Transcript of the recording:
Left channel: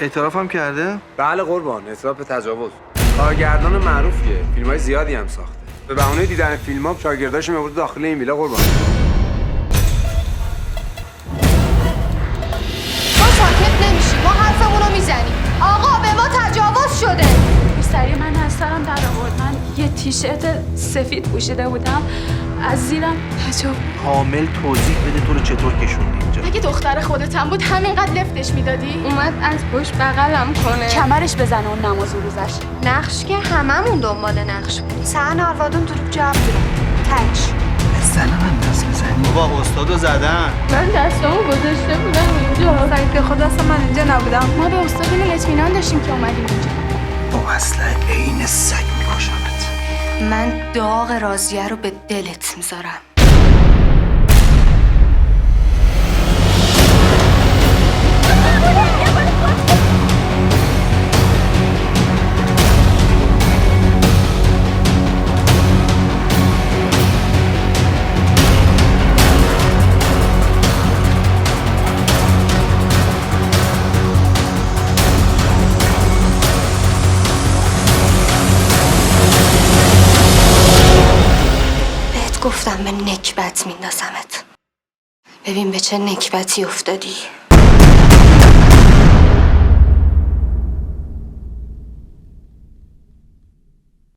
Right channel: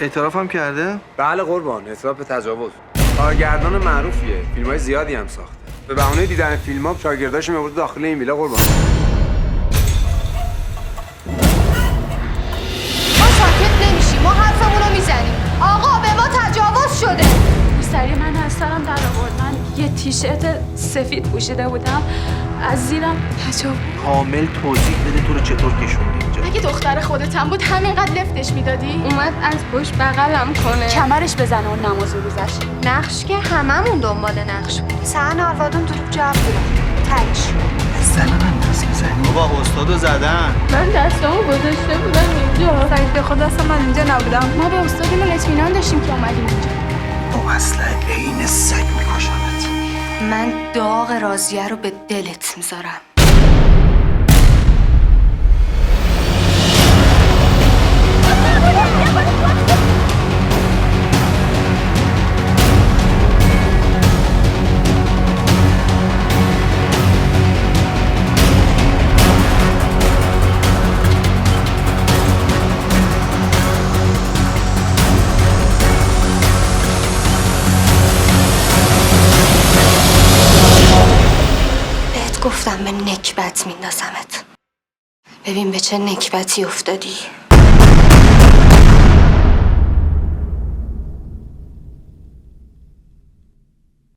اعترافم کرده؟ بله قربان، اعتراف به تجاوز. کارگردان معروفیه، فیلم‌های زیادی هم ساخته. به بهونه دیدن فیلم‌ها شاگرداش می‌برد داخل این ویلا قربان. ما ساکت نمیشیم، ما حرفمون رو میزنیم. آقا به ما تجاوز شده. روسری من از سرم در آورد. من یه تیشرت سفید پوشیده بودم، از زیرم تجاوز. کامل توضیح بده تو رو چطور کشوندی اینجا. اگه دختر خودتم بود همینقدر لفتش میدادی؟ اومد از پشت بغلم کنه، کمرش بزنه اون نماز روزش. نقش که هممون دنبال نقش بودیم. سهن آروادون دروب جواب بودم. تچ. زن من دست میزنی؟ بابا استادو زدن. من دستامو گذاشته بودم اینجا. سعید به خدا اصلا من اینجا نبودم. ما به استادمون اطمینان داشتیم که اومدیم اینجا. با اسلحه عین سگ میکشمت. من داغ راضیه رو به دلت میذارم. گفتم به نکبت میندازمت. ببین به چه نکبتی افتادی.